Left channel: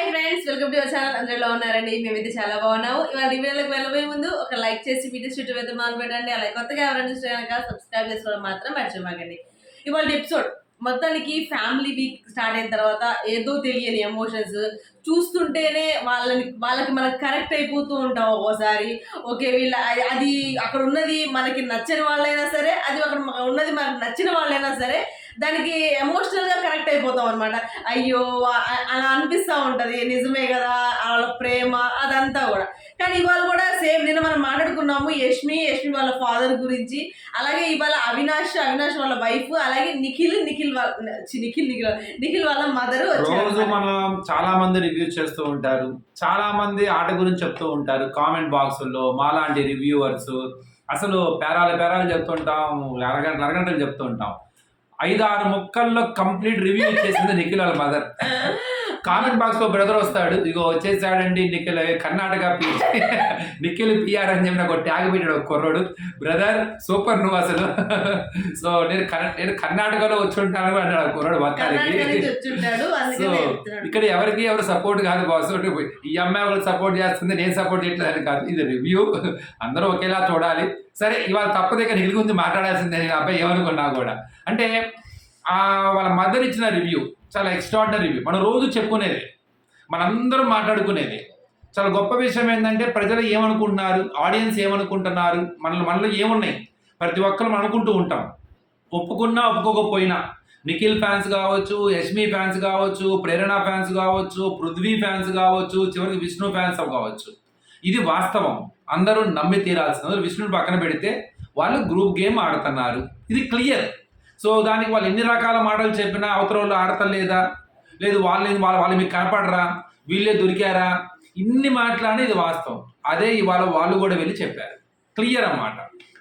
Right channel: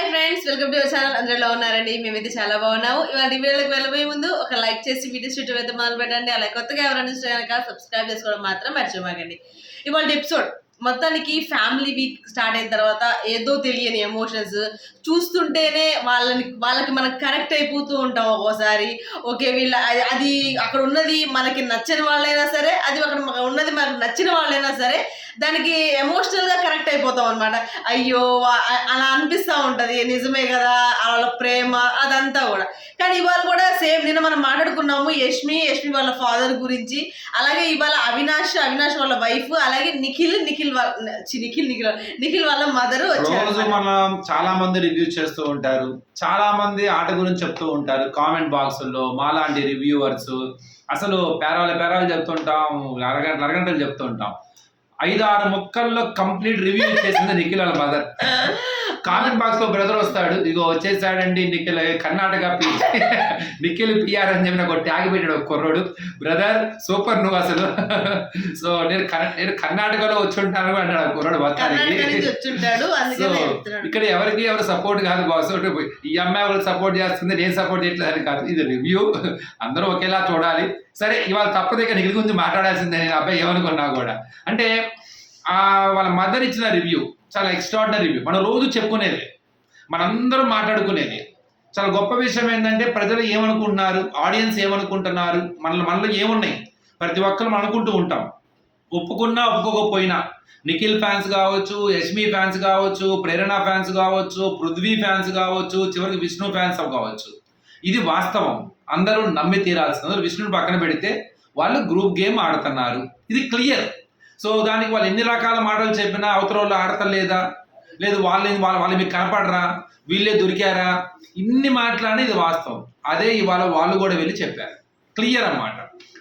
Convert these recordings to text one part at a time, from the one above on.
Hi friends welcome to our channel అందరూ ఉన్నారండి? మేమైతే చాలా బాగున్నాము. ఇవాళ వీడియోలకు వెళ్ళబోయే ముందు ఒక లైక్ చేసి వీడియో షూట్ అయితే మొదలు పెట్టండి అలా కొత్తగా ఎవరైనా చూస్తే కనుక సబ్స్క్రైబ్ చేసుకోవడం మాత్రం మర్చిపోకండి ఇవాళ ఎపిసోడ్ మొత్తానికి ఫ్యామిలీ వీక్ స్టార్ట్ అయిన తర్వాత ఏదో తెలియని ఎమోషన్స్ చూస్తుంటేనే వాళ్ళని వాళ్ళకి మనం కనెక్ట్ అయిపోతూ ఉంటాం ఒక్కోసారి. ఓకే వీళ్ళ అది- అక్కడ ఉన్నది మనకి నచ్చని వాళ్ళైనా సరే అది అక్కడ ఉన్నది మనకు నచ్చిన వాళ్ళైనా సరే దానికి ఎమోషనల్గా కనెక్ట్ అయిపోతాం అనమాట అయ్యో అలా అనిపిస్తూ ఉంటుంది. నిజమే కదా వాళ్ళ ప్రేమ అదంతా కూడా. కానీ ఇవాళ కూడా సేమ్ నిన్న మనం మాట్లాడుకున్నాము యష్మి యష్మి వాళ్ళ ఫాదర్ గురించి అలాగే ఇవాళ అవినాష్ అవినాష్ వాళ్ళ వైఫ్ అలాగే నిఖిల్ నిఖిల్ వాళ్ళ నిఖిల్ నిఖిల్ నిఖిల్ వాళ్ళ మదర్ రోజు మనం చాలా మంది రివ్యూస్ చేస్తూ ఉంటారు. చాలా మంది ఆట గురించి చెప్తూ ఉంటారు. కామెంట్ బాక్సుల్లో మాలాంటి రివ్యూవర్స్ అసలు పేరాలు పేరాలు చెప్తుంటాం అరగంట అరగంటలు చెప్తూ ఉంటాం ఐదు ఆరు ముక్కల్లో కంప్లీట్ రివ్యూ చేసింది నిఖిల్ వాళ్ళ మదర్ కామెంట్ బాక్స్లో బ్రదర్ వస్తాడు. ఇగో వచ్చేసాడండి నిఖిల్ కర్ణాటక పి నిఖిల్ పిఆర్ అని చెప్పి నాకు ఒక ట్యాగ్ పెట్టాడు ఒక కుర్రోడు. బ్రదర్ సూపర్ నువ్వు అసలు. సో నేను నేను కర్ణాటకలో వచ్చి ఉంటాను కూడా అన్నాడు ఆ కుర్రోడు మొత్తానికి. సో ఇక్కడ ఎవరికి ఎవరు సపోర్ట్ కాదు బాస్ ఈ అమ్మాయి వాళ్ళకి సపోర్ట్ చేస్తుంది నేను సపోర్ట్ చేయట్లేదు అని కాదు. ఇది రివ్యూ అందరూ ఒకేలా చూడాలి. సరే ఇవాళ తప్పదు ఇక నిఖిల్ గురించి మాట్లాడాల్సిందే నేను అబ్బాయి ఏమనుకున్నా కూడా. అంటే వాళ్ళ మదర్ ఇచ్చిన రివ్యూ చాలా ఎక్స్ట్రాడినరీ రివ్యూ మనం రోజు చెప్పుకునేది మనందరూ మాట్లాడుకునేది. చాలా గొప్ప విషయం ఏంటంటే ప్రజలు ఏమనుకుంటున్నారు? ఆడియన్స్ ఏమనుకుంటున్నారు? మనలో మనలో ఏమున్నాయి? ప్రతి ఒక్కరు మనం అనుకుంటూ ఉంటాం. ఒప్పుకున్నా ఒప్పుకోకపోయినా. నిఖిల్ ఫ్యాన్స్ కావచ్చు యష్మి ఫ్యాన్స్ కావచ్చు ప్రేరణ ఫ్యాన్స్ కావచ్చు పృథ్వీ ఫ్యాన్స్ కావచ్చు చివరికి విష్ణు ఫ్యాన్స్ కావచ్చు. ఇది వాస్తవం. అందరూ నమ్మి తీరాల్సింది. విష్ణుని పక్కన పెడితే వాళ్ళు గ్రూప్ గేమ్ ఆడుతున్నారు. ఇది క్లియర్ సో దానికి వాళ్ళు ఎన్ని రకాల మాటలు చెప్పినా అవతల వాళ్ళు ఆడతలేదా? లేదు వాళ్ళని వాళ్ళ వాళ్ళు మీకు కనపడరా? వీళ్ళే దొరికారా? ఇన్ని మాటలని ఇది వాస్తవం. అదే ఇవాళ వాళ్ళు కూడా వెళ్ళి చెప్పారు. క్లియర్ అన్నమాట.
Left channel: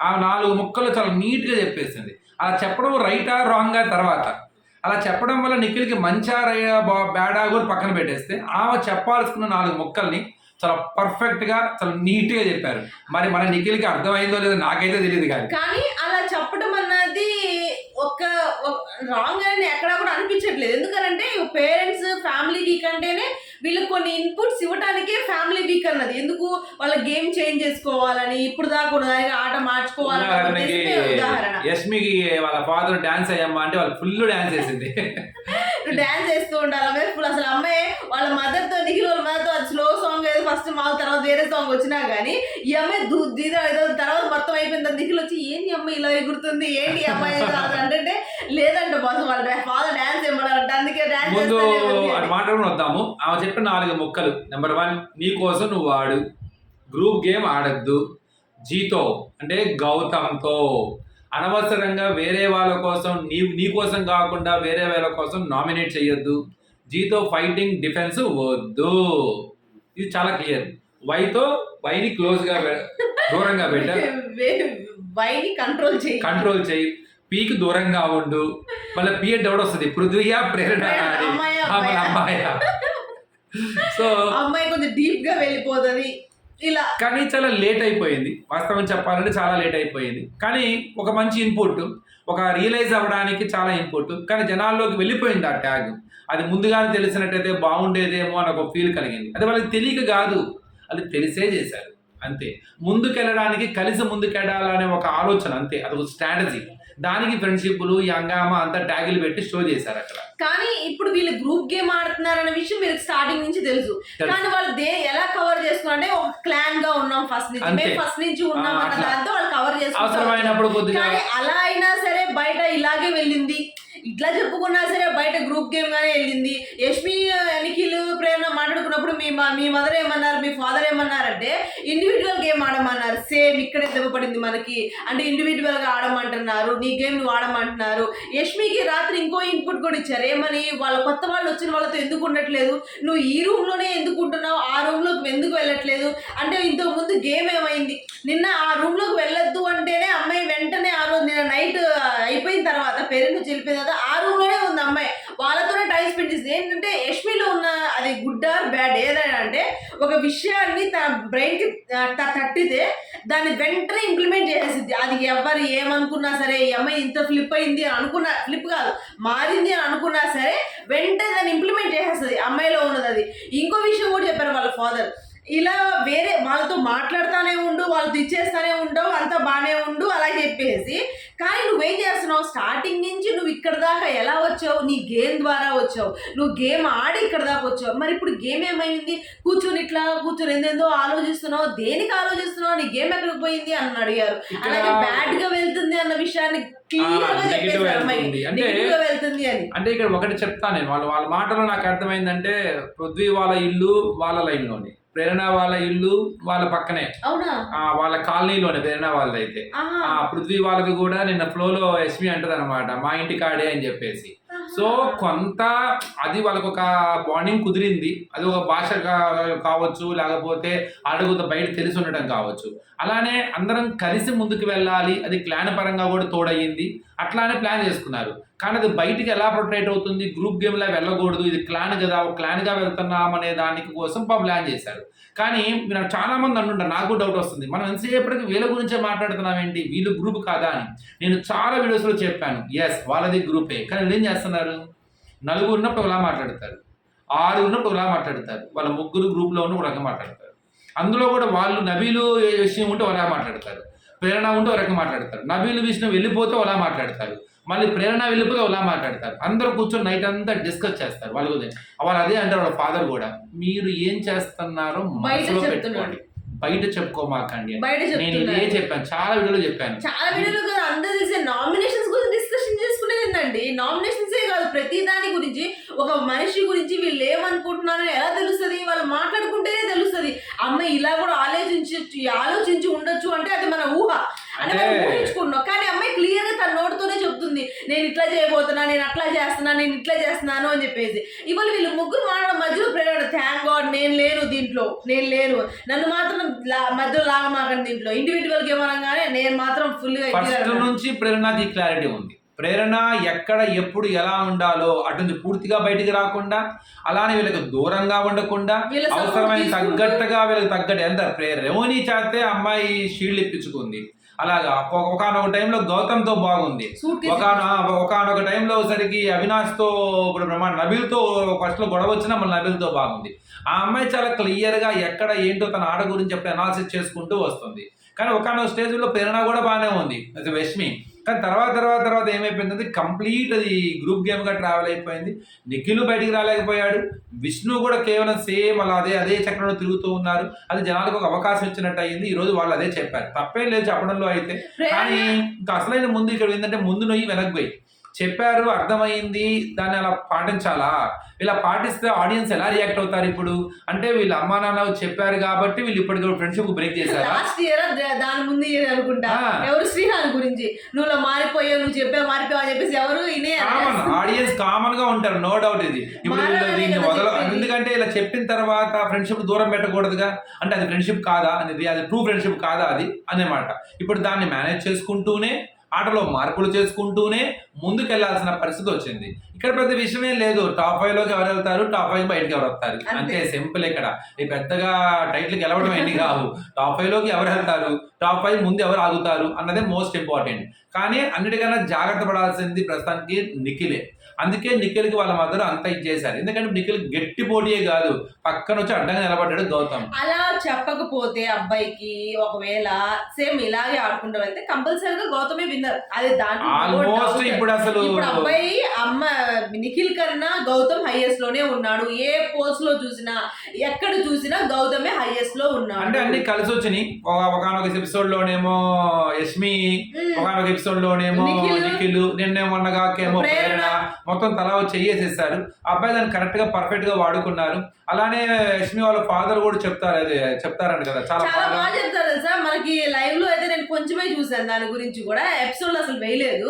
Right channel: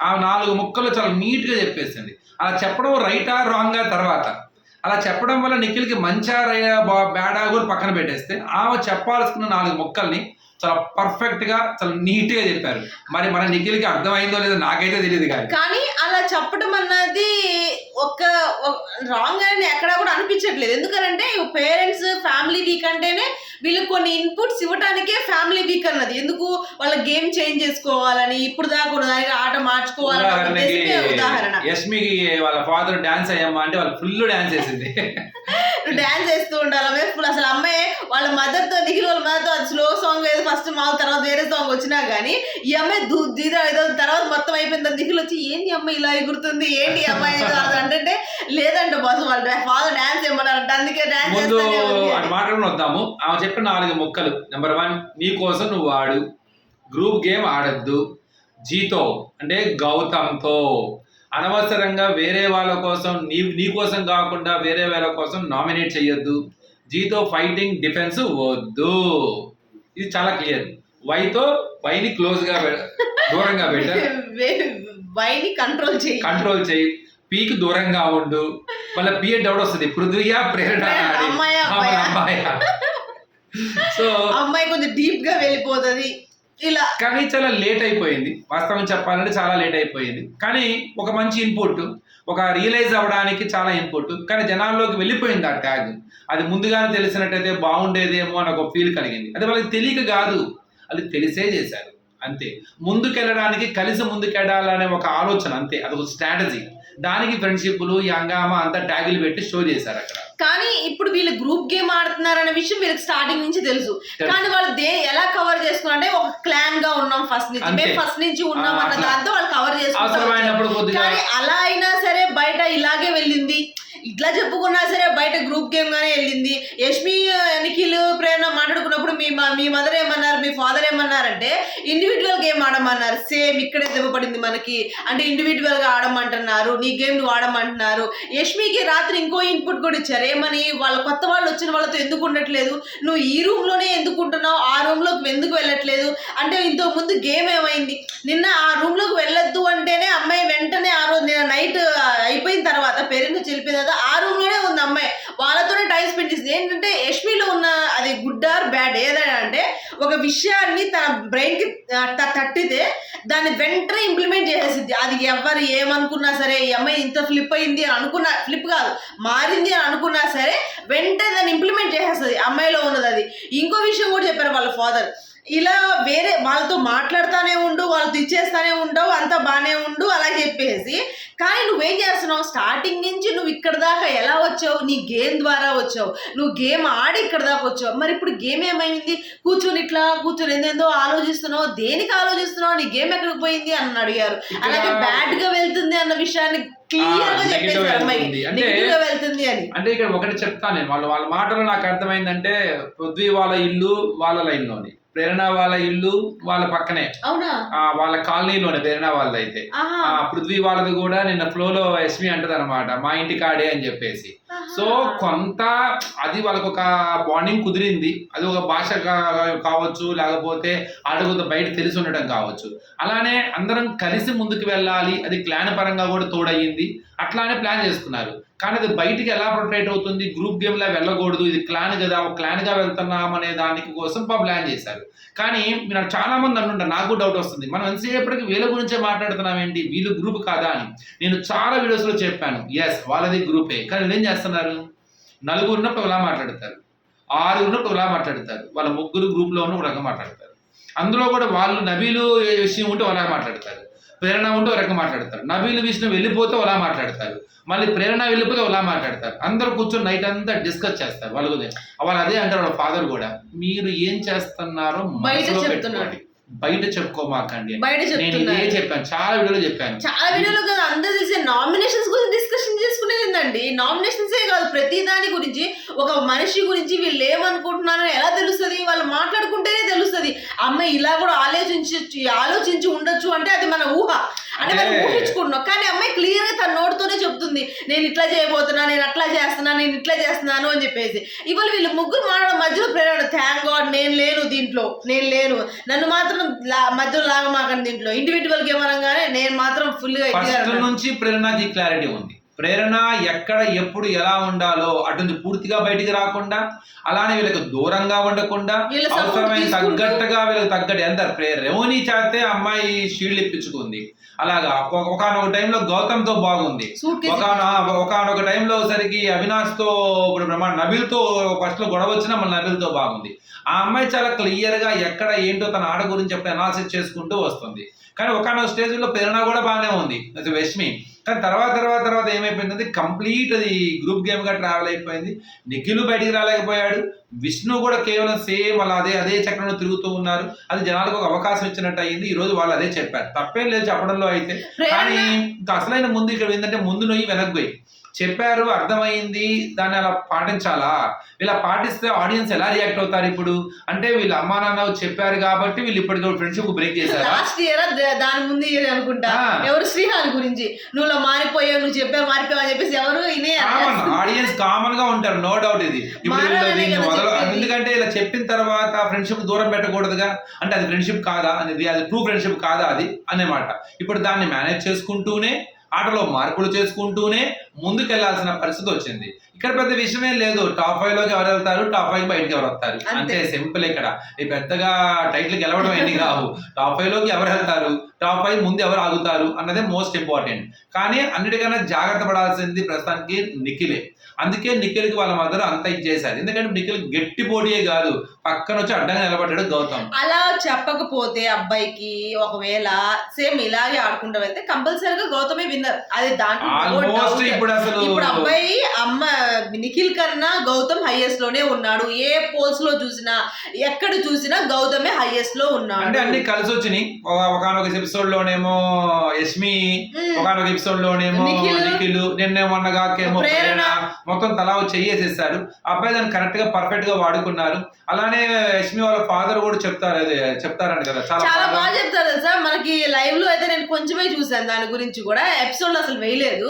ఆ నాలుగు ముక్కలు చాలా నీట్గా చెప్పేసింది. అలా చెప్పడం రైటా రాంగా తర్వాత. అలా చెప్పడం వల్ల నిఖిల్కి మంచా బా- బ్యాడా కూడా పక్కన పెట్టేస్తే ఆమె చెప్పాల్సుకున్న నాలుగు ముక్కల్ని చాలా పర్ఫెక్ట్గా చాలా నీట్గా చెప్పారు. మరి మన నిఖిల్కి అర్థమైందో లేదో నాకైతే తెలియదు కానీ. కానీ అలా చెప్పడం అన్నది ఒక రాంగ్ అని ఎక్కడా కూడా అనిపించట్లేదు. ఎందుకంటే పేరెంట్స్ ఫ్యామిలీ వీక్ అంటేనే వీళ్ళకి కొన్ని ఇన్పుట్స్ ఇవ్వడానికే ఫ్యామిలీ వీక్ అన్నది. ఎందుకు వాళ్ళ గేమ్ చేంజ్ చేసుకోవాలని ఇప్పుడు దాకా ఆట మార్చుకోవాలని ఉదాహరణ. యష్మికి వాళ్ళ ఫాదర్ డాన్స్ అయ్యమ్మా అంటే వాళ్ళు ఫుల్ డాన్స్ వేసింది డాన్స్ చేస్తూ ఉండాలి? వాళ్ళ మదర్తో నిఖిల్ వాళ్ళ మదర్తో స్లో సాంగ్ ఏదో ఫస్ట్ మా తర్వాత వేరే సాంగ్ వచ్చినా గానీ ఈ అమ్మాయి దూద్దా ఏదో తర్వాత మొత్తం తర్వాత నిఖిల్ వచ్చి ఏంటి అమ్మాయి ఇలా ఎగురుతుంది? ఏంటి అమ్మాయి అది అంటే లేదంట బాస్ వాళ్ళ ఫాదర్ డాన్స్ ఏమన్నారంట. అందుకే డాన్స్ ముందు అటు మాట్లాడుకుని వద్దాము. ఆమె చెప్పిన నాలుగు ముక్కలు. నెంబర్ వన్ నీ కోసం నువ్వు ఆడు. గ్రూప్ గేమ్ ఆడద్దు. జీతో. అంటే గౌతమ్తో. అనవసరంగా వేరే వాళ్ళ కోసం నీ నీ కోసం కాకుండా వేరే వాళ్ళ కోసం నామినేట్ చేయొద్దు జీతో ఫైటింగ్ డిఫెన్స్ వద్దు. ఇది చాలా క్లియర్. వైతో వైని క్లోజ్గా దూరంగా పెట్టారు వైని కంట్రోల్ చేయి. కంట్రోల్ చేయి. పీకి దూరంగా ఉండు. మళ్ళీ పీ డౌట్ వస్తుంది? పృథ్వీయా ప్రేరణ? అమ్మాయా సో అమ్మాయి కొంచెం డీప్గా వెళ్ళిపోతుంది. ఇలా కానీ చాలా లేట్ అయిపోయింది. వాస్తవం చెప్పాలంటే చాలా లేట్ అయిపోయింది. కానీ ఒక మంచి ఇన్పుట్ ఒక రియలైజ్ అవ్వడానికి చాలా ఇన్పుట్ కానీ జనాల్లోకి వెళ్ళిపోయింది ఆ ట్యాగ్ అది ముందుగానే తెలిసినట్టయితే బాగుండేదేమో అని ఒక ఫీల్ కలిగింది. అది వాళ్ళకి తెలియక కాదు. అది తెలిసే చేశారు. అంతే. ముందుకెళ్ళడానికి కలిసి ముందుకెళ్ళాలనే ఒక ఆలోచన అంతే. అది ఒక స్ట్రాటజీ దానికి ఫ్రెండ్షిప్లు ఈ హంగామా అంతా ట్యాగులు పెట్టి షో చేశారు అక్కడ కానీ ఇప్పుడు వీళ్ళు గ్రూప్ గేమ్ ఆడుతున్నారు అనే విషయం వీళ్ళకి స్టార్టింగ్ నుంచి తెలుసు. కానీ వాళ్ళు దే ఎలా కవర్ చేసుకున్నారంటే ఒక క్లాన్గా ఉన్నాం ఫస్ట్ నుంచి. మేము ఫస్ట్ నుంచి ఉన్నాం అన్న. దాంతో వాళ్ళు కవర్ చేసుకుంటారు అవసరమైనప్పుడు అలా అయినా సరే బయట ఇలాగే వెళ్ళింది ఇట్లా చెప్పుకున్నా సరే బయట గ్రూప్ గేమ్ గానే వెళ్ళింది. యష్మి నిఖిల్ ప్రేరణ మాట్లాడుకున్నప్పుడు మీ మా- మీ మదర్ ఏమన్నారు మీ ఫాదర్ ఏమన్నారంటే ఇండివిజువల్ గేమ్ ఆడమన్నారు. సేమ్ ఇక్కడే దెబ్బపడింది మనకి. అంటే ఇండివిజువల్గా ఆడమంటున్నారు. నీ గేమ్ నువ్వు ఆడమంటున్నారు. యష్మికి రాత్రి ఇంకో ఇన్పుట్ కూడా ఇచ్చారు. ఏమని? వాళ్ళ కొత్త వాళ్ళు వచ్చిన వాళ్ళతో ఎందుకు ఉండట్లేదు? నువ్వు ఈ రూమ్లోనే ఎందుకు ఉంటున్నావు? ఆ రూమ్లోకి ఎందుకు వెళ్ళట్లేదు? అంటే ఇంతకు ముందు గేమ్ ఏమైంది? నిన్న ఆ రూమ్లోకి వెళ్ళొద్దు అంటేనే అమ్మాయి వెంటనే ఆ రోజు నిన్న నైట్ అయిపోయిన తర్వాత పేరెంట్స్ వెళ్ళిపోయిన తర్వాత ఆ రూమ్లోనే ఉంది అమ్మాయి. వాళ్ళతోనే టైం స్పెండ్ చేసింది. ఏంటంటే యష్మిలో ఉన్న అది గుడ్ ఆర్ బ్యాడ్ ఏదైనా అంటే ఒక విషయాన్ని తన బ్రెయిన్కి తట్టితే దాన్ని వెంటనే ఇంప్లిమెంట్ చేసేసింది అది ఎవరు ఏమనుకున్నా సరే ఈ అమ్మాయి ఇంత ఫ్లిప్ అయింది అని అనుకున్నా ఫ్లిప్ కాదు మారింది అని అనుకున్నా సరే వెంటనే దాన్ని ఇంప్లిమెంట్ చేసేస్తుంది. అమ్మాయిలో ఉన్నది అది. ఇంకో విషయం కూడా చెప్పారు వాళ్ళ ఫాదర్ ఇలా వేరే వాళ్ళతో మాట్లాడుతానే ఉండు వాళ్ళతో ఇచ్చేస్తానే ఉండవు అంతా బాగానే ఉండు అలా చెప్పేసి. కానీ నువ్వేం చేస్తున్నావు? స్టార్టింగ్ నుంచి నువ్వు ఇక్కడ దాకా ఎలా వచ్చావు? నీ గేమ్ ద్వారా వచ్చావు. నువ్వు గేమ్ ఆడి ఇక్కడ దాకా వచ్చావు. మరి ఇప్పుడు గేమ్ ఏమైంది? కూర్చొని ఇట్లా కూర్చొని ఏందేందో ఆలోచిస్తున్నావు? దేనికి ఆలోచిస్తున్నావు? నీ గేమ్ ఎక్కడికి పోయింది? అని అడిగారు. అలాగే బ్యాడ్గా వెళ్తుంది అన్న విషయాన్ని. అంటే- ఇక్కడ ఒకటి చెప్తాను నేను. వాళ్ళ వాళ్ళ మాటలో నాకు అర్థమైందంటే పృథ్వీ వాళ్ళ ఇల్లు వాళ్ళ లైన్లోని. ప్రేరణ వాళ్ళ ఇల్లు వాళ్ళ పక్కనే. వాళ్ళ కాలనీలోనే ప్రేరణ వాళ్ళది అయితే పృథ్వీ వాళ్ళది కూడా నిన్న ఫ్లోలో ఎస్మి అంటది అనమాట మా ఇంటి కాడే అని చెప్పేసి. సో కొంత అది వాళ్ళకు ఒక బాండింగ్ కుదిరింది. అది ఒక భాష కావచ్చు లేకపోతే అడుగుత బయట తెలిసి ఉండటం కావచ్చు. అలానే అందరం కలిసి ముందుకు వెళ్ళాలి అది క్లాన్ పరంగా కూడా తోడయ్యింది అట్లానే ప్లాన్ చేసుకున్నారు. కానీ అది బయటికి ఎలా ప్రొటెక్ట్ అవుతుంది? గ్రూప్ గేమ్ లా వెళ్ళకూడదు. ఇది క్లాన్ కదా ఒక క్లాన్గా వెళ్తున్నాం అనే దానికి కోసం ప్లాన్ చేశారు. కానీ మీరు చాలామంది అంటుంటారు నాకు డౌట్ వస్తుంది. మనం ఎంతసేపటికి వీళ్ళ గురించే మాట్లాడుతున్నాం ఏంటి వీళ్ళు గ్రూప్ కాదా అని. నేను చాలా వీడియోస్లో చెప్పాను. ఎస్ వాళ్ళది గ్రూపే. కానీ వీళ్ళు ఏం చేస్తున్నారు? నలుగురు ఉన్నప్పుడు ఇలా మాట్లాడతారు. ఆరుగురు ఉన్నప్పుడు ఇలా మాట్లాడతారు. వాళ్ళ ముగ్గురు గ్రూప్లో ఉన్న ఒక రకంగా మాట్లాడతారు. అందులో కూడా వాళ్ళు నబీలు విషయం ఉంటే అలా మాట్లాడతారు. ప్రేరణ ఉంటే ఒక రకంగా మాట్లాడతారు. నబీలు విషయం వెళ్ళిపోతే అలా మాట్లాడతారు. మళ్ళీ ప్రేరణ వెళ్ళిపోతే అలా మాట్లాడతారు. అందరూ కూర్చొని నైట్ అంతా డిస్కస్ చేస్తారు. వాళ్ళ గురించి వాళ్ళు అదే అంటారు వాళ్ళ ఫాదర్ కూడా మీరు ఏం చేస్తున్నారో మనసులో. పెట్టుకోండి. బయట చెప్పుకోమాకండి. నేను ఇదే చెప్తున్నారు చెప్పాను. చాలా వీడియోలో చెప్పాను. చాలా వీడియోలో కదా అందరూ నామినేషన్స్ గురించి డిస్కషన్ ఏంటండి నామినేషన్సే కాదు ప్రతి దాని గురించి ఒక మనిషి గురించి వీళ్ళు ఏమనుకుంటున్నారో ఎలా తెలుస్తుంది? వాళ్ళు మాట్లాడుకుంటేనే తెలుస్తుంది. అమ్మ ఇలా కూడా ఆలోచించి ఆలోచించి ఉండొచ్చు అంటే అది మన ఊహ. అంటే మనం ఊహించుకుంటున్నాం. కానీ అమ్మాయి క్లియర్గా తన నోటితోనే చెప్తుంది. నేను ఇట్లా చేయబోతున్నా నేను అట్లా చేస్తున్నా నేను ఇట్లా చేస్తున్నాను అని చెప్పేసి. ఇవాళ వీళ్ళు ముగ్గురు మాట్లాడడం మధ్యలో ప్రేరణ. థ్యాంక్ గాడ్ నేను లేను దీంట్లో. నేను లేను. నన్ను మాత్రం మధ్యలో లాగమాకండి దీంట్లో. ఇండివిజువల్ గేమ్ అనగానే నేను మాత్రం ఫుల్గా. నుంచి ప్రేరణకి క్లారిటీ ఉంది. ప్రేరణ ఎక్కడ ఎప్పుడు ఎలా ఉండాలో అటు నుంచి పూర్తిగా బయటికి రాకుండా అలానే వీళ్ళకి దూరంగా ఉండకుండా అవసరమైన తగ్గట్టుగా వీళ్ళకి తగ్గట్టు. ఎంత ప్రేరణ రెవోని చేస్తే అమ్మాయి షీల్డ్ ఇప్పించుకుంది. అలాగా ఒకనొక టైంలో గౌతమ్తో బాగుంది. ఒక ఒకనొక టైంలో సరికి అవినాష్తో ఇప్పుడు మన నబిల్తో ఫస్ట్లో గొడవ వచ్చినా మన నబిల్తో బాగుంది. ఆ అమ్మాయి చాలా క్లియర్గా ఎక్కడ ఏంటో తన ఆడ గురించి ఎప్పుడు అనాలిసిస్ చేసుకుంటూ వస్తుంది. కానీ ఒకనొక స్టేజ్లో ప్రేరణ కూడా బాగానే ఉంది. అది రష్మి కానీ తర్వాత తర్వాత తర్వాత ఏమైపోయింది కంప్లీట్ అది గ్రూప్ గేమ్గా ట్రావెల్ అయిపోయింది. నిఖిల్ బయటికి రాలేకపోయాడు. విష్ణు కూడా కేవలం సేమ్ అలా అదే అదే చక్రంలో తిరుగుతూ ఉన్నారు. అది జనాలకు ఒక అవకాశం ఇచ్చినట్టు అయ్యింది ఈ రోజు వాళ్ళు అదే చెప్పారు. తప్పేం లేదు చెప్పడంలో అయితే. కానీ ఇంకా అసలైన ముందు ఇక్కడ ఏంటంటే ముందు నొయ్యి వెనక్కి పోయి. చెప్పారు అర్థమైంది దాన్ని అలా పాటించాలా? ఇలా పాటిస్తే ఆడియన్స్ ఎలా రియాక్ట్ అవుతారు ఇప్పుడు? అంటే వీళ్ళ అమ్మా నాన్న చెప్పారు కాబట్టి వీళ్ళు ఇప్పటికి ఫ్రెండ్షిప్ బ్రేక్ చేశారా? లాస్ట్ ఇయర్ దాని ముందు ఇయర్ అనుకుంటా. ఎవరు శ్రీహాన్ గురించి? నువ్వు మారిపోయావు నువ్వు చెప్పావు మారిపోయావు అని చెప్పేసి ఎవరు కామన్ ఆడియన్స్. కామన్గా ఉంటారు నో డౌట్ ఇది. ఇప్పుడు. ఎందుకంటే ఇలా చెప్పిన తర్వాత ఫ్రెండ్షిప్ దూరం పెట్టకూడదుగా? అంటే అది ఫ్రెండ్షిప్ కాదా? అనేది అది ట్రూ ఫ్రెండ్షిప్ కాదా అది? అనేమాట ఇప్పుడు దాన్ని మేనేజ్ చేసుకుంటూనే ఆటలో మార్పులు చేసుకుంటూనే ముందుకెళ్ళాల్సిన పరిస్థితి వచ్చింది. ఇక్కడ పెద్ద విషయం ఏం లేదు. టాప్ ఫైవ్లోకి ఎవరు వెళ్తారు? టాప్ ఫైవ్ బయటకి ఎవరు వస్తారు? అంతే. అంతే సింపుల్ ఇక్కడ. ఈ పెద్దగా టైటిల్ గెలవడం ఎన్ని కావు. టాప్ ఫైవ్లోకి ఎవరు వెళ్తారు? టాప్ ఫైవ్ ముందు ఎవరు ఆగుతారు? అన్నదే మోస్ట్ ఇంపార్టెంట్ కానీ అన్నిటికన్నా జాగ్రత్త పడాల్సింది ప్రస్తుతానికి నిఖిలే. అందుకే నిఖిల్కి వాళ్ళ మదర్ అంత ఇచ్చేశారు ఎందుకంటే నిఖిల్ గట్టి పోటీయే కాదు పక్కన వచ్చి అడ్డంగా నిలబడ్డాడు గౌతమ్ అలా చెప్పకపోతే అబ్బాయికి ఒకవేళ సేమ్ ఇలాగే ఆడుకుంటూ వెళ్తే కంపల్సరీగా గౌతమే విన్నర్ అది దాంట్లో. ఇప్పుడు అసలు ఇప్పుడు అబ్బాయి అమ్మ నిఖిల్ కన్నా గౌతమ్ హైయెస్ట్లోనే ఉన్నాడు ఏ పోల్స్లో చూసినా ఎక్కడ చూసినా గౌతమే హైయెస్ట్లో ఉన్నాడు అంటే అన్ని కలిసి వచ్చినాయి ఒకనొక ఎపిసోడ్ లోనేమో యష్మి. ఒకనొక ఎపిసోడ్ లోనేమో నిఖిల్. నిన్నే మొన్నగాకేమో ప్రేరణ. మొత్తం తలా వచ్చి చెయ్యేసేసారు అబ్బాయి దాన్ని కరెక్ట్గా పర్ఫెక్ట్గా వాడుకున్నారు. అలానే యష్మి వాళ్ళ ఫాదర్ కూడా చెప్తారు అదే చెప్తారంట కదా చాలా బాగా చెప్తారు తెలుసా? మనకి లైవ్లో అయితే నేను కొంచెమే చూసాను దాని గురించి కూడా. ఎపిసోడ్ అసలు వేయలేదు.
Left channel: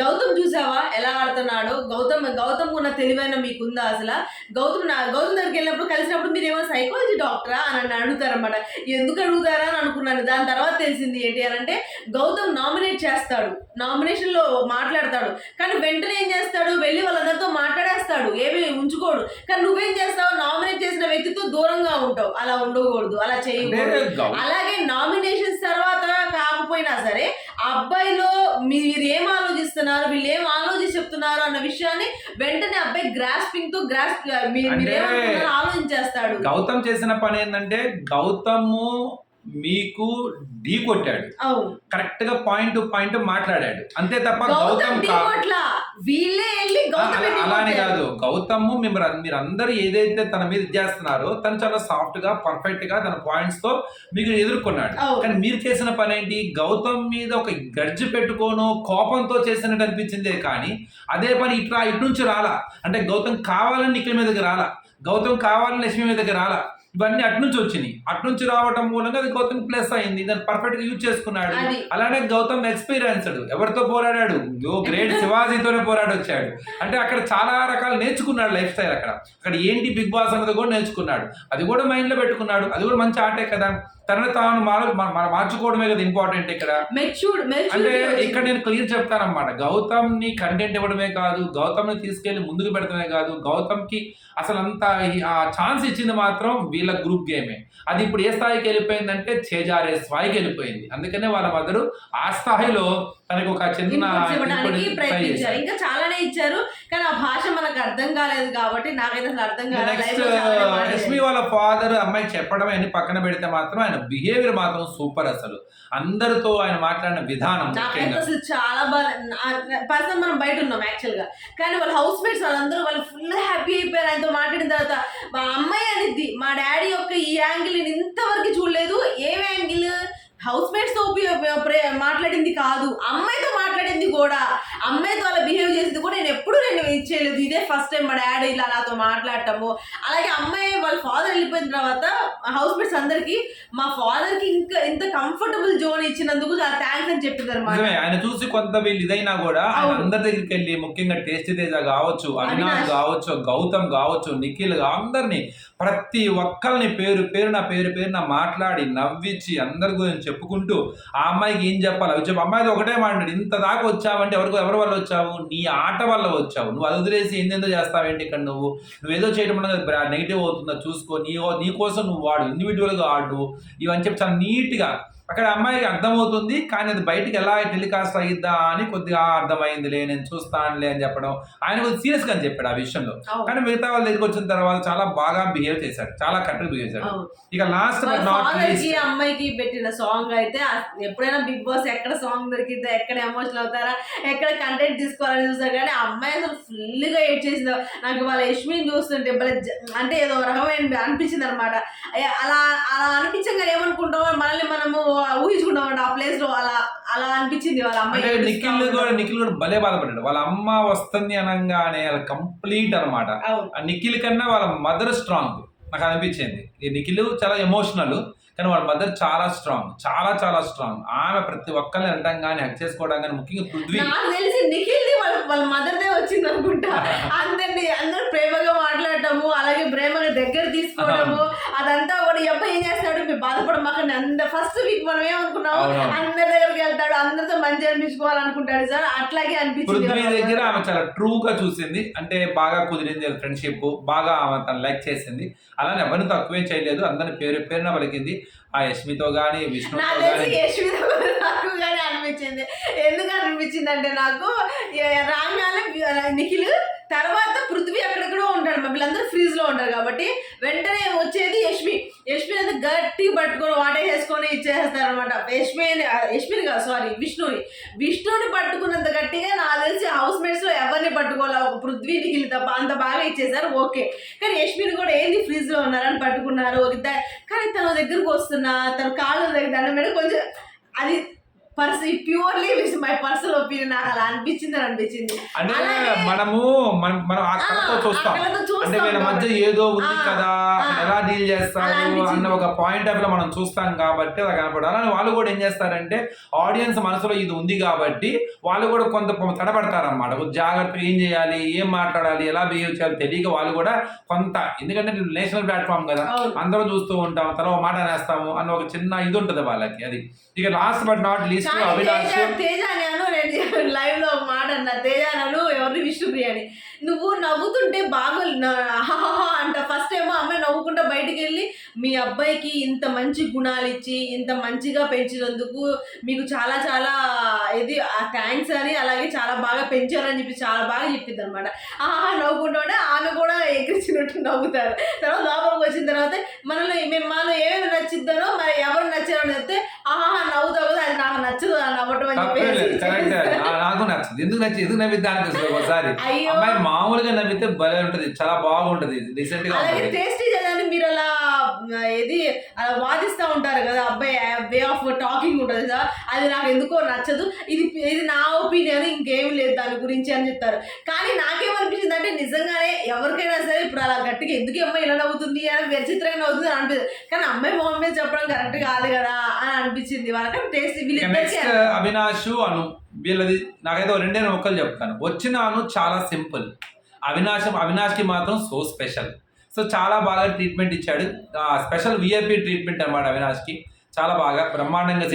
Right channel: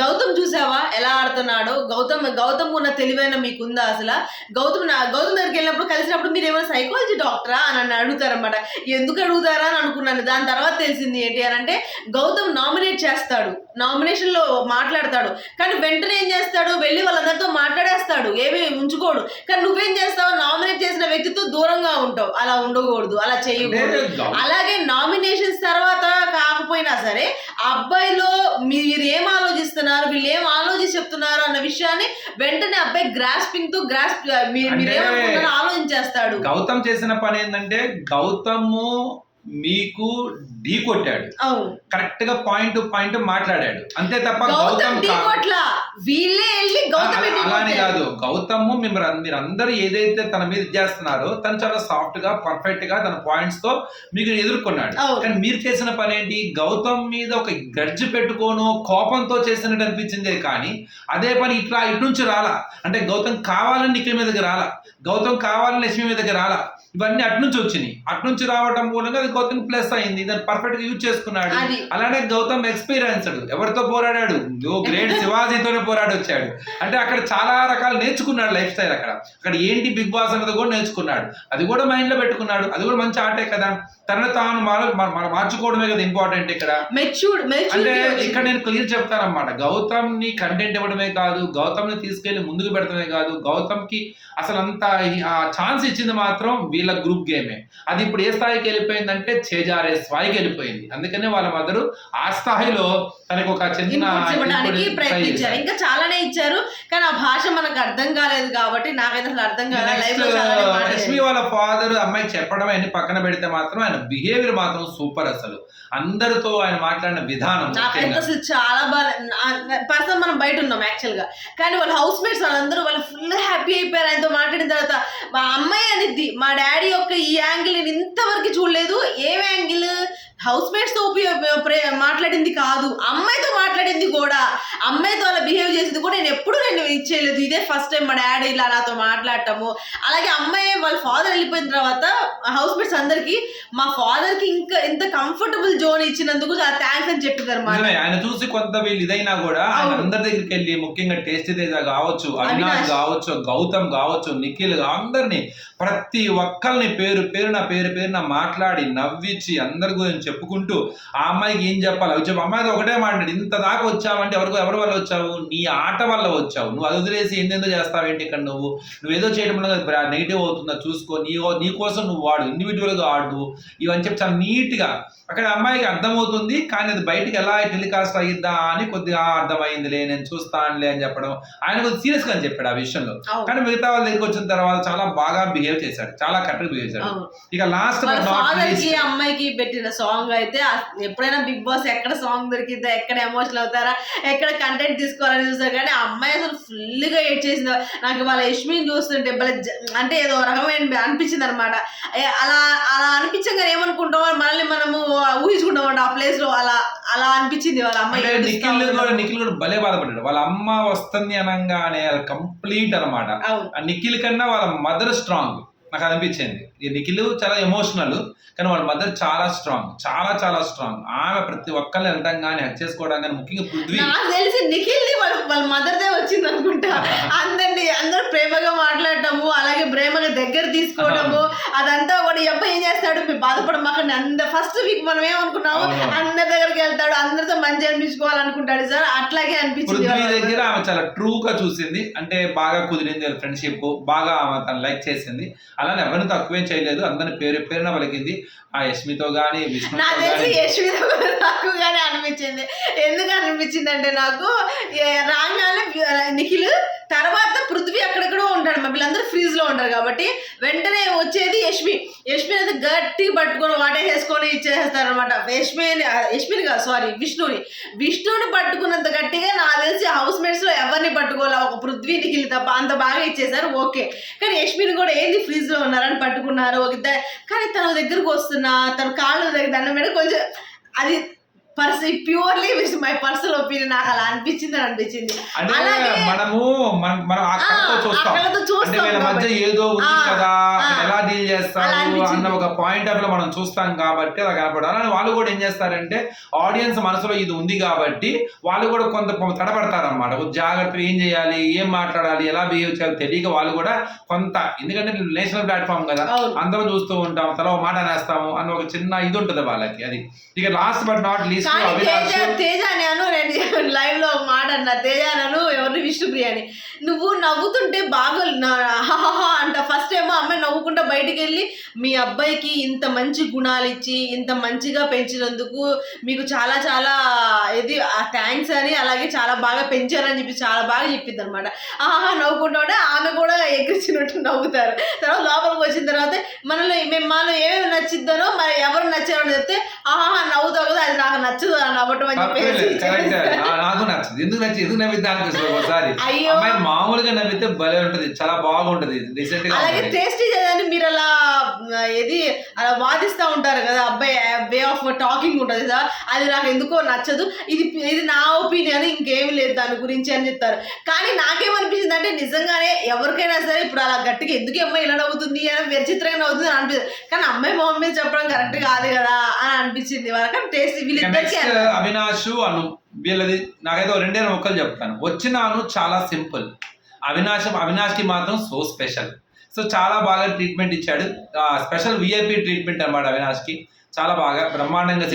గౌతమ్ చూసావా ఎలా ఆడుతున్నాడో? గౌతమ్ గౌతమ్ ఉన్న తెలివైన మీకుందా అసలు? గౌతమ్ నా గౌతమ్ దగ్గరికి వెళ్ళినప్పుడు కలిసినప్పుడు మీరు ఏమైనా సైకాలజీ డాక్టరా అని నన్ను అడుగుతారన్నమాట. ఎందుకు అడుగుతారా? అని అనుకున్నాను. దాని తర్వాత తెలిసింది ఏంటి అని అంటే గౌతమ్ నామినేట్ చేస్తాడు. నామినేషన్లో మాట్లాడతాడు. కానీ వెంటనే ఏం చేస్తాడు? వెళ్ళి వెళ్ళి వాళ్ళందరితో మాట్లాడేస్తాడు. ఏమి ఉంచుకోడు. కానీ నువ్వేం చేస్తావు నామినేట్ చేసిన వ్యక్తితో దూరంగా ఉంటావు. అలా ఉండకూడదు. అలా చేయకూడదు. అలాగే నామినేషన్స్ తర్వాత కాకపోయినా సరే అబ్బాయిలో మీరు ఏం ఆలోచిస్తున్నారు? వీళ్ళు ఏం ఆలోచించి చెప్తున్నారు అన్న విషయాన్ని వెంటనే అబ్బాయి గ్రాస్పింగ్తో గ్రాస్ప్ మీరు ఆలోచించేస్తాడు. గౌతమ్ చేసిన పని ఏంటంటే గౌతమ్ మీకు ఢీ కొట్టాడు. కరెక్ట్గా పాయింట్ పాయింట్ మాట్లాడాడు. అంతే తప్ప గౌతమ్ అలానే కాదు. గౌతమ్ మీరు మీరు అందరూ ఏదైతే తన మీద చేస్తున్నారో తను చాలా సాఫ్ట్గా పర్ఫెక్ట్గా తన పాయింట్స్తో మీకు ఎదుర్కొన్నాడు. కానీ మీరు చేసిన పని ఏంటి? గౌతమ్ మీద ఒక గడ్జి పెట్టుకోను కోపంతో చేసినట్టు అనిపించిందే కానీ అదే పని ఇట్లా ఇటు నుంచి రాలా. అంటే గౌతమ్ కావాలని నిఖిల్ మీదకి రాలా. గౌతమ్ కావాలని లక్ష్మి మీదకి రాలా. ఇవన్నీ అటు నుంచి వచ్చినాయి. అటు నుంచి రావటం మూలంగా అది గౌతమ్ ప్లస్ అయింది. దాన్ని పర్ఫెక్ట్గా యూజ్ చేసుకున్నాడు. అలానే గౌతమ్ ఎక్స్పీరియన్స్డ్ ఎవరితో పోరాడాడు? ఓ గ్రేట్ శివాజీతోనే పోరాడి వచ్చాడు అంటే అక్కడ చాలా రకాలు నేర్చుకున్నాడు లైఫ్ స్టైల్ అక్కడ. అక్కడ ఏంటి బిగ్ బాస్ అన్నది కూడా నేర్చుకున్నాడు. అది కూడా మైండ్లో పెట్టుకున్నాడు. అది కూడా మంచి ఆటే కదా. తనని తాను మార్చుకోవడమే కదా ఇంపార్టెంట్ ఇక్కడ. అంటే ఇక్కడ నేను క్లియర్ చెప్తానన్నమాట. గౌతమ్ని కంటెంట్ ఇవ్వడమే కాదు గౌతమ్ని తీసుకెళ్ళి ముందుకు పెడతమే కాదు గౌతమ్కి అసలు అంత ఆ ఛాన్స్ ఇచ్చింది మాత్రం వీళ్ళ గ్రూప్ గేమే. అది ఇప్పుడు ఏ స్థాయికి వెళ్ళిపోయిందంటే చేజారే స్థాయికి వెళ్ళిపోయింది. అందుకనే వాళ్ళ మదరు ఆ స్థాయిలో తనకు ఒక చిన్న ప్రయత్నించారు. ఇంకా చాలానే ఇచ్చారు కానీ ఆ భాష మనకు అర్థం కాలేదు కాబట్టి నాకైతే అసలు అర్థం కాలేదు మాట్లాడారు. ఎస్మి వాళ్ళ ఫాదర్ అమ్మాయికి చెప్పడం అన్ని పక్కన పెడితే మాత్రం ఆయన బిహేవియర్ మాత్రం సూపర్ అసలు. అందరితో ఆయన మాట్లాడిన విధానం నాకైతే అసలు చాలా బాగా పర్సన్ మనం బయట ఉన్నాం యాక్చువల్గా. కానీ వాళ్ళ హౌస్ మేట్స్ వాళ్ళందరూ వాళ్ళు ఫుల్ హ్యాపీ అయిపోయారు. ఆయనతో మాట్లాడిన తర్వాత మా అమ్మాయి అనిద్ది మా డాడీ యొక్క ఈ యాంగిల్ నేను ఇంతవరకు చూడలేదు. ఏం యాంగిల్ హౌస్ మేట్స్తో ఉపయోగ ప్రే- మాట్లాడింది కాదు. అమ్మాయితో మాట్లాడింది కూడా. అమ్మాయితో అలా బిహేవ్ చేసింది కూడా నేను ఎప్పుడు నేను ఇచ్చేయలేదు. ఇదే ఫస్ట్ టైం మా డాడీ ఇలా నాతో మాట్లాడటము. అలాగే అమ్మాయి వాళ్ళ ఫాదర్ వెళ్ళిపోయిన తర్వాత హౌస్ మేట్స్ అందరికి మా ఫాదర్కి ఇంకా ఇంత కంఫర్టబుల్ జోన్ ఇచ్చినందుకు చాలా థ్యాంక్స్ అని చెప్పింది అనమాట ఆయన చూసి కొంత వీళ్ళు ఇదైనా కూడా ఆయన. అందరి దగ్గరికి వెళ్ళి ముఖ్యంగా టేస్టీ తేజ కావచ్చు అవినాష్. కావచ్చు గౌతమ్ కావచ్చు నిఖిల్ అందరినీ ప్రతి ఒక్కరిని పేరు పేరున పేరు పేరున మాట్లాడి నవ్వించి అందరి గురించి చెప్పుకుంటూ ఆ అమ్మాయికి ఏం చెప్పాలి? అవి చెప్పి. అమ్మాయితో ఒకటే మాట్లాడి. ఇంత దాకా వచ్చావంటే ఎవరికి ఎవరి వల్ల వచ్చావు? నీ ఆట వల్ల వచ్చావు. నువ్వు అది వదిలేసి ఏందేందో చేస్తావేంటి ఇక్కడ నువ్వు? నువ్వేదో చేయడం వల్ల నెగిటివ్ అవుతుందా? చూసుకో. నీ నీ కోసం నువ్వు వాడు. ఇండివిజువల్గా ఆడు. ఇవని చెప్పి చాలా నీట్గా అక్కడ అమ్మాయికి అర్థమవుతుంది. కానీ అది బయటికి ఎలా టెలికాస్ట్ అయ్యిద్దా అని కొద్దిగా "ఆ, అర్థమైందిలే నేను చూస్తానులే అని చెప్పడం. ఆయన కొద్దిగా సీరియస్గా అని చెప్పాడు ఆ విషయంలో. కానీ మిగతా వాళ్ళ దగ్గరికి వచ్చిన తర్వాత చాలా బాగా బిహేవ్ చేశాడు. చాలా కరెక్ట్ బిహేవ్ చేశాడు. ఇక లాస్ట్ బట్ నాట్కి అమ్మాయికి పెట్టిన సాంగ్ అయితే ఎప్పుడైనా బిగ్ బాస్ ఎక్కడ సాంగ్ దొరికిద్దా ఎక్కడ ఎమోషనల్ అవుతారా ఎక్కడ కంటెంట్ తీసుకోవాలని చూస్తారు కానీ ఆ అమ్మాయి అసలు ఫుల్గా ఎడ్ చేసింది. నాకు వాళ్ళ యష్మిని చూస్తుంటే అంటే ఏదో రకమైన అనిపించింది అనమాట అలా అలా అనిపించగానే ఏమనుకుంటాం మనల్ని మనము ఊహించుకుంటాం ఆ ప్లేస్లో అలా అలా అనిపించింది వాళ్ళ ఏడుస్తా నిఖిల్ కూడా. నిఖిల్ కూడా భలే బాధపడ్డాడు. వాళ్ళ అమ్మ వస్తుంది అనగానే కంప్లీట్ ఆ నిఖిల్ కన్నా వాళ్ళ మదర్ స్ట్రాంగ్. నాకు అనిపించింది. ఈ నిఖిల్ చాలా ఎమోషనల్ కానీ వాళ్ళ మదర్ చాలా స్ట్రాంగ్ చాలా చాలా స్ట్రాంగ్ ఆమె ప్రతి ఒక్కరిని వెళ్ళటం కానీ హెక్ చేసుకోవడం కానీ ముఖ్యంగా పృథ్వీ. తెలిసి నిఖిల్ వాళ్ళ వాళ్ళ మదర్ దే వచ్చింది అనుకుంటా అందరిని అందరూ ప్రేమగా మాట్లాడటము అలాగే ప్రేమగా దగ్గర తీసుకోవడము అదంతా కూడా ఈ అబ్బాయి ఏం చేస్తాడు? మీరు బాధపడమాకండి అంత ఫస్ట్ వీక్ మనం ఏమనుకున్నాము. అందరి దగ్గరికి వెళ్తాడు అందరితో మంచి అనిపించుకోవాలనుకుంటాడు సార్. అట్లాగే అనిపించింది దగ్గర ఆమె చాలా ట్రూ గా చూసింది. అంటే బాగా కుదిరింది ఫ్రెండ్షిప్ బాగా ఆమె తను లైక్ చేసింది. అలానే ఎవరిని తక్కువేం చేయలేదు. అందరిని పేరు పేరున పలికింది. ఆ యష్మితో గానీ విష్ణుతో యశ్విత కూడా తక్కువగానే అనిపించింది. ఎందుకు అనిపించింది అంటే నాకు రాగానే నిఖిల్ తర్వాత పృథ్వీ అక్కడెక్కడో ఉంటాడు మా వీళ్ళందరూ ఫ్రీజ్లో ఉంటారు కాబట్టి వెంటనే వచ్చేది యష్మి. యష్మి అనేది గట్టి పట్టుకొని వాటేసేసుకొని ఇచ్చేస్తారు అనమాట యష్మి యష్మిని కాదు సారీ విష్ణుని. విష్ణుని పట్టుకున్నంత గట్టిగా నాకు తెలిసి హౌస్ మేట్స్లో ఎవరిని పట్టుకోవాలి? ఒక పృథ్వీకి తప్ప అంత బాగా ఇచ్చేసారు ఓకే. కానీ యష్మిని కూడా ఏంది ఫ్రీజ్లో ఉన్నారని పట్టుకున్నారు ఒక కానీ తన దగ్గరకు వస్తున్నా తన కాళ్ళ దగ్గర దండం మీద కొంచెం అది పర్స్ ప్యూర్లీ మై పర్సనల్ ఒపీనియన్ నాకు అలా అనిపించింది అని అనిపించింది అంటే మనము మనం మనం ఆ చూస్తాం అంటే వీళ్ళ మధ్య. ఏదో ఉంది కదా. ఎలా డీల్ చేస్తారు. అన్న ఒక పాయింట్ ఆఫ్లో మనం చూస్తాం కాబట్టి అలా కనపడాలి అలానే వాళ్ళు కూడా ఏం చేస్తారంటే ఆడియన్స్ మనసులో ఇది ఉంది కాబట్టి వాళ్ళు కూడా కొంత తడబడతారన్నమాట కొంచెం జాగ్రత్తగా ఏం చేయాలి ఏం మాట్లాడాలి ఎలా బిహేవ్ చేయాలి తెలియక వాళ్ళు కూడా కొంత ఎందుకంటే నేషనల్ ప్లాట్ఫామ్ కదా అందరం చూస్తూ ఉంటాం తల మాట అనేస్తాము అన్న ఒక చిన్న ఇది ఉంటుంది వాళ్ళకి అది ఇక last but not least Avinash Teja నేను లైవ్లో ఒక మాట అన్నా. తేజ ఎవరిని విష్ణుప్రియ అని. నువ్వు నవ్వుతుంటే బాగా అంట. ఫస్ట్ ఏమో అమ్మాయి నవ్వుకుంటా బయటికి వెళ్ళి మీ అబ్బాయికి ఇంత మంచి గుణాలు ఇచ్చి ఇంత మంచిగా పెంచినందుకు మీకు చాలా చాలా ఇది థ్యాంక్స్ అని అలాగే చాలా బాగా పెంచారని చెప్పి చాలా బాగా చెప్పింది అనమాట ఆహా నవ్వుకుంటా ఉంటే ఆమె కూడా ఎక్కించినట్టు నవ్వుతారు. తర్వాత లోపలికి వచ్చిన తర్వాత మనలో మేము మనలో ఏమేమి నచ్చిద్దనో మరి ఎవరు నచ్చారో చెప్తే ఆహా నవ్వుతావు అది నాకు నచ్చదు అని నవ్వటం అని తప్పేలేదు చెప్పేసి. కరెక్ట్ నాకు నచ్చదు. ఎందుకు నచ్చి ఎందుకు నవ్విద్దా అనిపిస్తుంది ఒకసారి? అమ్మాయి మామూలుగా నవ్వితే భలే ఉంటది. చాలా బాగుంటది. రీసెంట్గా అలాగే. టేస్టీ చేయదని మీరు అలా ఏది అలా వాదిస్తూ ఉంటారు కదా అబ్బాయి వే ఆఫ్ టాకింగ్ ఉంటుంది కదా. అది నాకు ఎందుకో నచ్చదు. ఇది ఇది నా ఒపీనియన్ ఇంకేం లేదు దాని గురించి అని చెప్తారు. కానీ నాకేమనిపించింది అంటే నిజంగానే ఎవరికైనా సరే ఇప్పుడు అలా గట్టిగా ఎందుకు అమ్మాయి ఇలా నవ్వుతుంది? అని విచిత్రంగా నవ్వుతుంది అని అనిపిస్తుంది. కానీ అమ్మాయి మొహం మీద చెప్పడం కరెక్ట్ కాదు కదా అని అనిపించింది వాళ్ళకి. టేస్ట్ నెక్స్ట్ అవినాష్ అను వీళ్ళది నాకైతే రెండే మొక్కలు చెప్తాను. వచ్చిన అను చాలా సింపుల్. అవినాశ్ అవినాష్కి మాత్రం సో స్పెషల్. సో చాలా బాగా ట్రీట్మెంట్ ఇచ్చాడు. స్పెషల్ విఐపి ట్రీట్మెంట్ అన్నమాట అవినాష్కి. చాలా బాగా బ్రహ్మాండంగా.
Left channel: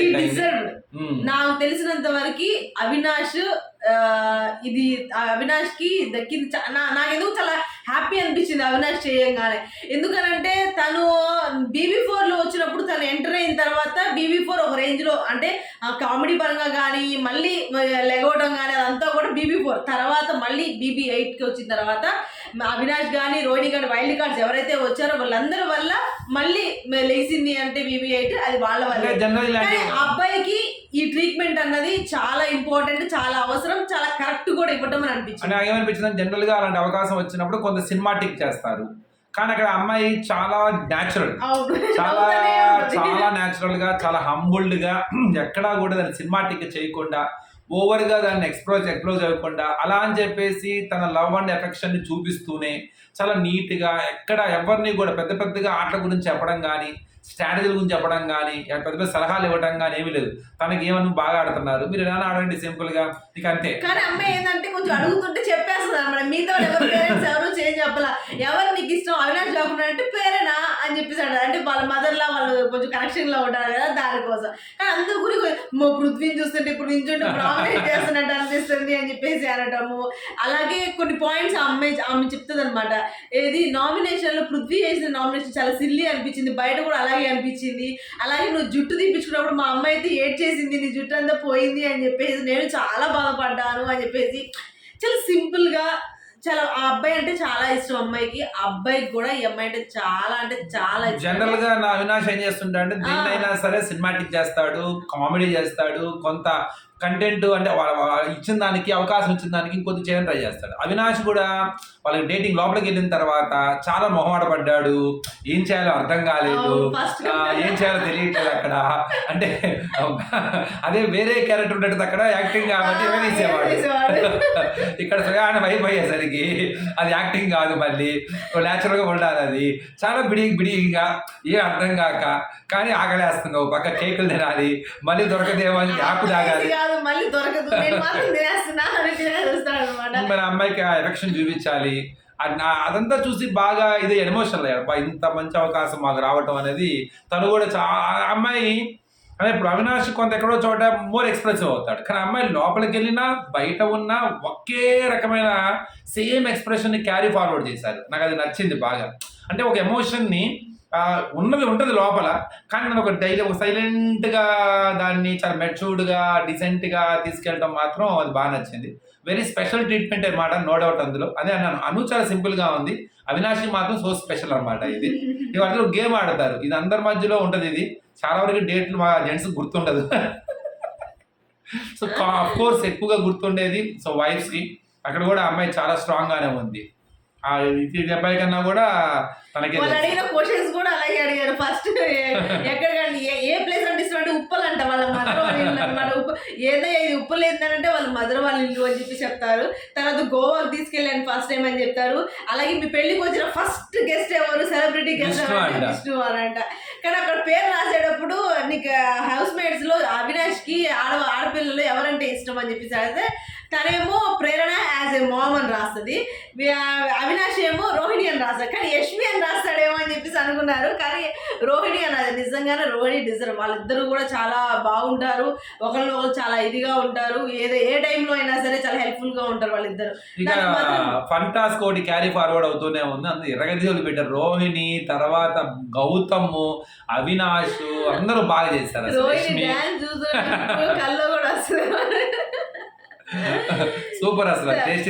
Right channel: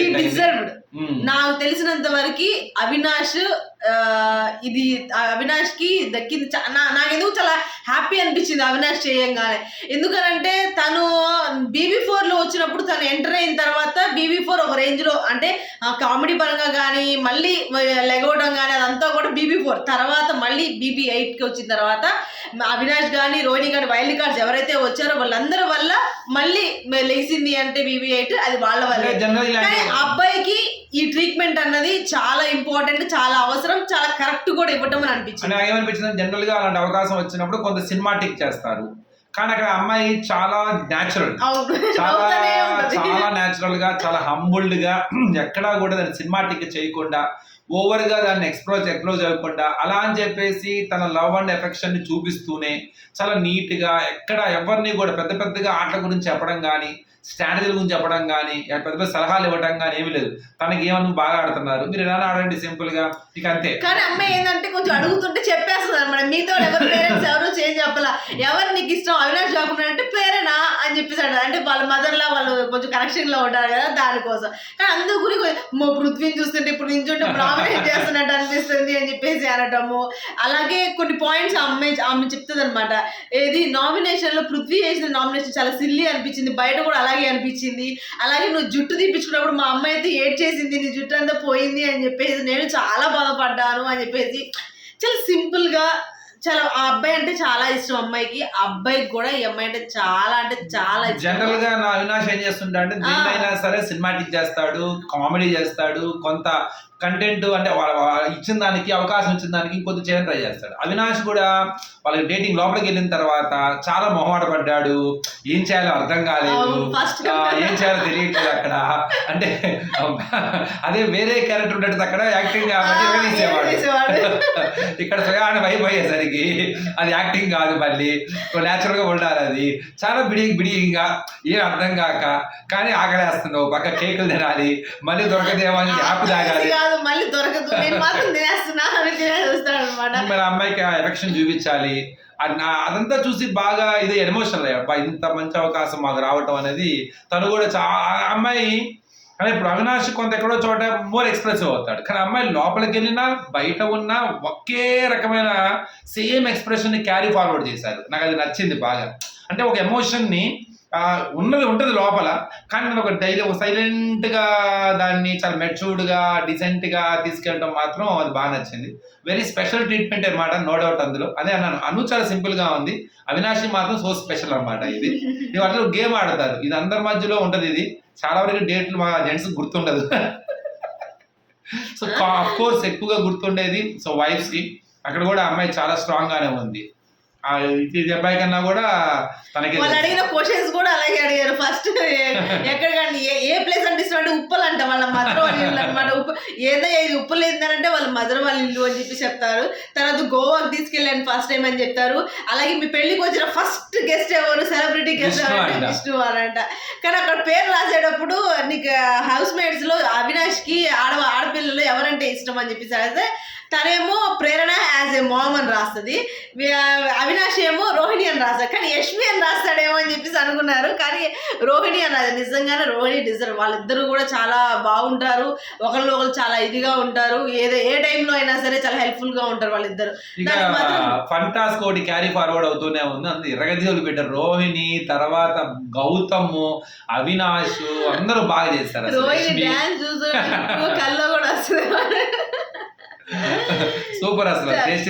నాకు తెలిసినంత వరకు అవినాష్ ఇది అవినాష్కి దక్కింది చా- నా- నాకు ఎందుకు చాలా హ్యాపీ అనిపించింది అవినాష్ చేయంగానే. ఎందుకనంటే తను బీబీ ఫోర్లో వచ్చినప్పుడు తను ఎంటర్ అయిన తర్వాత బీబీ ఫోర్ ఒక రేంజ్లో అంటే కామెడీ పరంగా కానీ మళ్ళీ లెగవడం కానీ అదంతా కూడా బీబీ ఫోర్. తర్వాత మళ్ళీ బీబీ ఎయిట్కి వచ్చిన తర్వాత అవినాష్ కానీ రోహిణి కానీ వైల్డ్ కార్డ్స్ ఎవరైతే వచ్చారో వాళ్ళందరి వల్ల మళ్ళీ లేచింది అంటే బీబీ ఎయిట్ అది వాళ్ళ వల్ల. అబ్బాయికి ఈ ట్రీట్మెంట్ అన్నది చాలా ఇంపార్టెంట్ చాలా అవసరం చాలా కరెక్ట్ కూడా ఇవ్వటం అని అని అనిపించింది ఏమనిపించింది జనరల్గా అలాంటి అవకాశం వచ్చినప్పుడు కొంత సినిమాటిక్ చేస్తారు. కానీ అక్కడ అమ్మాయి చాలా న్యాచురల్ చాలా. చాలా న్యాచురల్గా చాలా హంబుల్డ్గా ఎక్కడా కూడా దాన్ని సినిమాటిక్ చేయకుండా ఓవర్గా దాన్ని ఎక్స్ప్లోజ్ ఎక్స్ప్లోజ్ అవ్వకుండా అలా అని చెప్పేసి తన లవ్ అండ్ ఎఫెక్షన్ని చూపిస్తూనే చాలా నీట్గా ఎక్కడ ఎవరిని కూడా పెద్ద పెద్దగా ఆటల గురించి చెప్పడం కానీ స్ట్రాటజీల గురించి చెప్పడం కానీ పెద్ద పెద్ద సలహాలు ఇవ్వడం కానీ ఏమీ లేదు. తనకి ఏమన్నా బాగా ఆడుతున్నారు. మీరు ఎలా ఆడండి సింపుల్గా? మీకు అంతే. కానీ అమ్మాయి ఏంటంటే కొంచెం అడుగుతుంటే చెప్పేస్తుంది అనమాట. మీతో ఎవరు పేరెంట్స్ ఎవరు చేంజ్ చెప్పాల. ఎవరు నీకు ఇష్టం? అవినాష్ కాకుండా అంటే పేరేనా అని చెప్పేసి అంటారు అంటే వాళ్ళ మదర్ లా వాళ్ళు కొంచెం కనెక్షన్లో ఉంటారు కదా దానికోసం. కానీ అందరి గురి మా పృథ్వీని చూస్తుంటే ఇప్పుడు నించుంటే నామినేట్ చేస్తున్నట్టు అనిపిస్తుంది అని చెప్పేసి అనటము. అలాగే కొన్ని పాయింట్స్ అమ్మే ఆమె చెప్తుంది అనమాట ఏది నామినేషన్లో పృథ్వీ చేసిన నామినేషన్ చాలా సిల్లీ అనిపించింది. బయట కూడా అలా అలాగే అనిపించింది. అలాగే నువ్వు జుట్టు తీపించుకున్నప్పుడు మా అమ్మాయి అయితే ఏడ్ చేసింది నీ జుట్టు అంతా పోయింది అని చెప్పేసి నేను చాలా బాధపడ్డాను అని చెప్పేసి. చాలా సింపుల్గా చాలా ఆ అబ్బాయి అంటే చాలా ఇష్టం అమ్మాయికి. ఆ అబ్బాయికి కూడా ఈ అమ్మాయి అంటే చాలా అంటే చాలా జనరల్గా నా అవినాష్ ఏం చేస్తుంటా అంటే దేన్నైనా సరే సినిమాటిక్ చేస్తాడు కామెడీ చేస్తాడు కొంత కంటెంట్ అంటే ఇచ్చిన దానికి అవకాశం ఇచ్చిన దానికి ఇంకొంత చేయడం ట్రై చేస్తాడు. అవినాష్ కూడా వాళ్ళకి డేటింగ్ లోపలికి వెళ్ళిన తర్వాత చాలా మొహమాట పడ్డాడు. ఏం చేయాలో అర్థం కాలేదు. ఏం చేయాలో తెలియట్లేదు అక్కడ. అంటే అదే వేరే క్యారెక్టర్ ఉండేది అక్కడ యాక్టింగ్ కాబట్టి వేసేవాడు. ఇక్కడ స్వయాన వైపు అయ్యేసరికి అది యాక్టింగ్ కాదు మళ్ళీ. న్యాచురల్గా ఉండాలి అది. చాలా బిడి బిడిగా ఏం అర్థం కాక కానీ ఆకలేస్తున్నావు. పక్క కేకులు తినాలి. మళ్ళీ దొరకదేమో అని యాప్ తాగాలి. కాదు మళ్ళీ దొరకదు. నేను మాత్రం తినేస్తున్నా అని తినేస్తాడు అనమాట మరి అమ్మాయికి ఆ ఎఫెక్షన్ చూపించాలి. అది నా- అదంతా చూసి బాగా ఇది ఎమోషనల్ అయ్యాడు ఇంత మంచి అవకాశం మాకు రావటం అనేది తను కూడా చాలా అమ్మాయి అంటే ఇప్పుడు అవినాష్ కొంత ఎక్కడో చోట మోర్ ఎక్స్ప్రెసివ్ అవుతాడు. కానీ అమ్మాయి లోపలికి వెళ్ళినా బయట ఉన్నా ఒకే రకమైన సేమ్ ఎక్స్ప్రెషన్ని క్యారీ ఫార్వర్డ్ చేశారు. నాకు అది నచ్చింది బాగా. అంటే ఒక ఎమోషన్ని ఉన్నది ఉంటుంది లోపల. కానీ మనం ఒక డైలీ ఒక సైలెంట్గా దాన్ని చాలా మెచ్యూర్డ్గా డిసెంట్గా తీసుకెళ్ళడం మాత్రం అది బాగా నచ్చింది. వెరీ స్పెషల్ ట్రీట్మెంట్ అనమాట నో డౌట్ అందులో. అదే అన్నాను అను చాలా సింపుల్గా ఉంది. అవినాషి మాత్రం సో స్పెషల్ అనమాట ఇది. ఇవాళ గేమ్ ఆడతారు. ఇది అందరి మధ్యలో ఉంటుంది ఇది. చాలా వరకు డేట్లు మా జెంట్స్ గుర్తుండదు. సో ఆఫ్ కోర్స్ ఎక్కువగా గుర్తుండేది. సో వైఫ్స్కి. అక్కడ కూడా అమ్మాయి చాలా స్ట్రాంగ్గానే ఉంది. ఆ ఇది అబ్బాయి కన్నా కూడా తనకే వాళ్ళు. అడిగిన క్వశ్చన్స్ కూడా అలాగే అడిగారు ఫస్ట్ ఎక్కడ కానీ ఏ ప్లేస్ అంటే ఇష్టం అంటే ఉప్పలు అంట వాళ్ళ మదర్ అనమాట ఉప్పు ఏదో ఇది ఉప్పు లేదంటే వాళ్ళ మదర్ వాళ్ళ ఇల్లు అని చెప్పి చెప్తారు. తర్వాత గోవాకి తీసుకెళ్ళాను ఫస్ట్ టైం అని చెప్తారు. అలాగే మీ పెళ్ళికి వచ్చిన ఫస్ట్ గెస్ట్ ఎవరు? సెలబ్రిటీ గెస్ట్ విష్ణు ఎవరు అంట. విష్ణు అనంట. కానీ అక్కడ పేరు రాసేటప్పుడు నీకు హౌస్ మేట్స్లో అవినాష్కి ఆడ ఆడపిల్లలు ఎవరంటే ఇష్టం అని చెప్పేసి అడిగితే తనేమో ప్రేరణ యాజ్ ఏ మామ్ అని రాస్తుంది. అవినాష్ ఏమో రోహిణి అని రాస్తాడు. కానీ యష్మి అని రాస్తాడేమో అని చెప్పేసి అనుకున్నారు. కానీ రోహిణి అని నిజంగానే రోహిణి డిజర్వ్ వాళ్ళిద్దరూ కూడా చాలా బాగుంటారు. ఒకళ్ళు ఒకళ్ళు చాలా ఇదిగా ఉంటారు. ఏదో ఏ టైంలో అయినా సరే చాలా హెల్ప్ఫుల్గా ఉంటారు వాళ్ళిద్దరు. ఫంటాస్ కోటి క్యారీ ఫార్వర్డ్ అవుతూనే ఉంది. అందులో ఎర్రగది వదిలిపెట్టారు రోహిణి తర్వాత గౌతమ్ అవినాష్ అందరూ బాగా చేస్తారు. రోహిణి చూస్తుంటే కల్లో కూడా వస్తుంది సూపర్ అసలు. టేస్ట్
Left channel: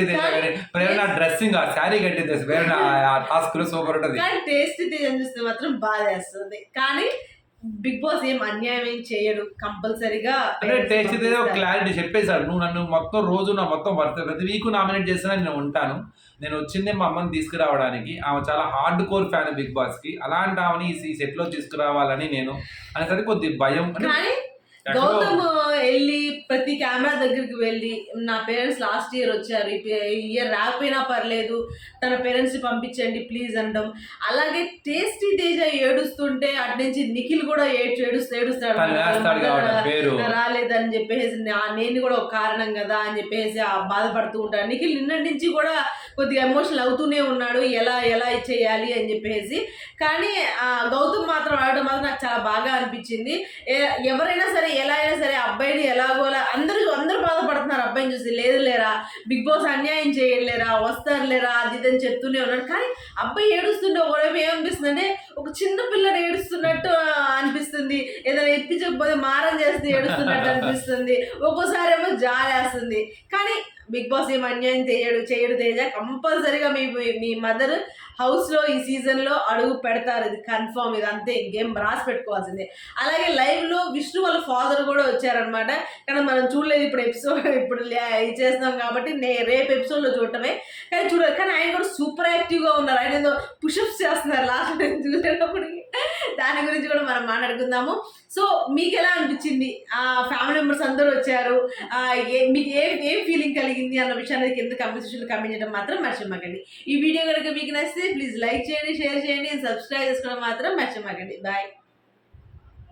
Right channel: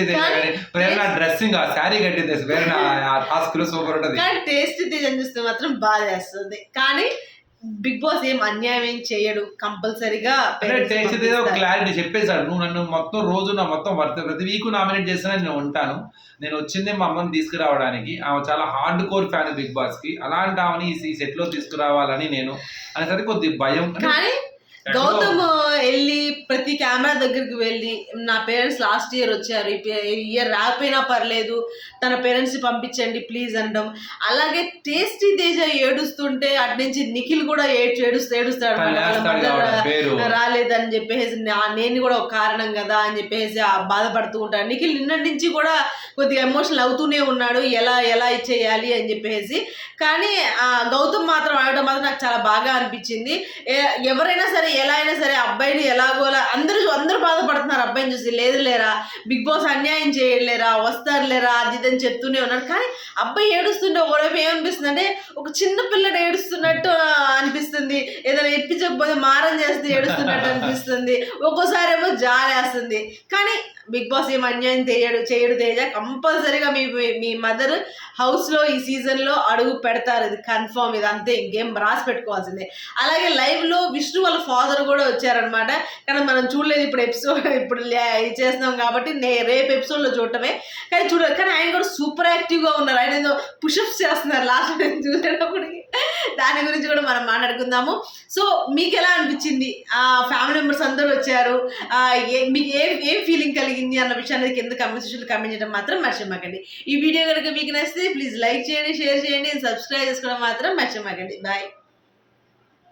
ప్రేరణ డ్రెస్సింగ్ ఆ శారీ కట్టింది. ప్రేరణ ఆ టాస్క్లో సూపర్ ఉంటది. టేస్ట్ తేజం చూస్తే మాత్రం బాగా చేస్తుంది. కానీ బిగ్ బాస్ ఏం అన్యాయం ఏం చేయడు కంపల్సరీగా క్లారిటీ చెప్పేశాడు. నువ్వు నన్ను మొత్తం రోజు నా మొత్తం వర్త ప్రతి వీక్ నామినేట్ చేసినా నేను ఉంటాను. నేను వచ్చిందే మా అమ్మని తీసుకురావడానికి. ఆమె చాలా హార్డ్ కోర్ ఫ్యాన్ బిగ్ బాస్కి అలాంటి ఆమెని ఈ సెట్లో తీసుకురావాలని నేను అనేసరికి కొద్ది భయం. గౌతమ్ వెళ్ళి ప్రతి కెమెరా దగ్గరికి వెళ్ళి నా పేరెంట్స్ లాస్ట్ ఇయర్ వచ్చారు ఇయర్ రాకపోయినా పర్లేదు తన పేరెంట్స్ పంపించండి ప్లీజ్ అనడం. అలాగే టేస్టీ తేజ ఏడుస్తుంటే అటు నుంచి నిఖిల్ కూడా ఏడుస్తూ ఏడుస్తాడు రాలేదని చెప్పేసి నేను కూడా ఒక కారణం కదా అని చెప్పేసి బాధపడుతూ ఉంటాడు. నిఖిల్ నిన్నటి నుంచి కూడా కొద్దిగా ఎమోషనల్ అవుతూనే ఉన్నాడు. ఎలా ఎలా చేయాలి అని చెప్పేసి కానీ గౌతమ్ మాత్రం ఆడటం మాత్రం నాకు చాలా బాగా అనిపించింది. ఎవరైనా సరే ఎలా అయినా సరే అబ్బాయిని ఎలాగోలా అందరూ అందరూ బాధపడుతున్నారు. అబ్బాయిని చూసి లేదు లేరా బిగ్ బాస్ అన్యాయం చేయలేరా వస్తారు లేరా అది ఇదని చెప్తూనే ఉన్నాడు కానీ అబ్బాయి ఏడుస్తుంటే ఒకవైపు ఏమనిపిస్తుంది అంటే ఒక చిన్న పిల్లడు ఏడుస్తున్నట్టు అనిపిస్తుంది. ఏదైనా ఇప్పించకపోతే మారం చేస్తే ఏడుస్తున్నట్టు అనిపిస్తుంది. ఒక్కోసారి ఏమో జాలేస్తుంది. కానీ బిగ్ బాస్ ఏం అన్యాయం చేయడు చేయడు తేజ. కంపల్సరీగా మీ మీ- మీ మదర్ హౌస్లో ఈ సీజన్లో అడుగు పెడతారు. ఇది కన్ఫర్మ్ ఇది అంతే ఇంకేం రాసి పెట్టుకోవాల్సిందే. అలాగే లైవ్లో విష్ణు వాళ్ళ ఫాదర్ కూడా వచ్చారనమాట కానీ మనం చూడలేదు ఇప్పుడు ఎపిసోడ్ ఇప్పుడు లే- ఇది చేస్తున్నాం కాబట్టి నే రేపు ఎపిసోడ్లో చూడటమే. కానీ చూడ కానీ ఆయన కూడా సూపర్ యాక్టివ్గా ఉన్నారు. ఆయన ఏదో పుషప్స్ చేస్తున్నారు. లాస్ట్ నేను చూసేటప్పటికి. దాని గురించి కూడా మనం మాట్లాడుకుందాము. సో మీకు ఎలా అనిపించింది? ఆ ఫ్యామిలీ మెంబర్స్ అందరూ వచ్చారు. ఏ- మీకు ఏ ఏం ఫీలింగ్ కలిగింది అన్న విషయాన్ని కింద కమెంట్ సెక్షన్లో కమెంట్ చేయడం మాత్రం మర్చిపోకండి. ఈ వీడియో కనుక మీకు నచ్చితే ప్లీజ్ లైక్ చేయండి షేర్ చేయండి సబ్స్క్రైబ్ చేసుకోవడం మాత్రం మర్చిపోకండి. బాయ్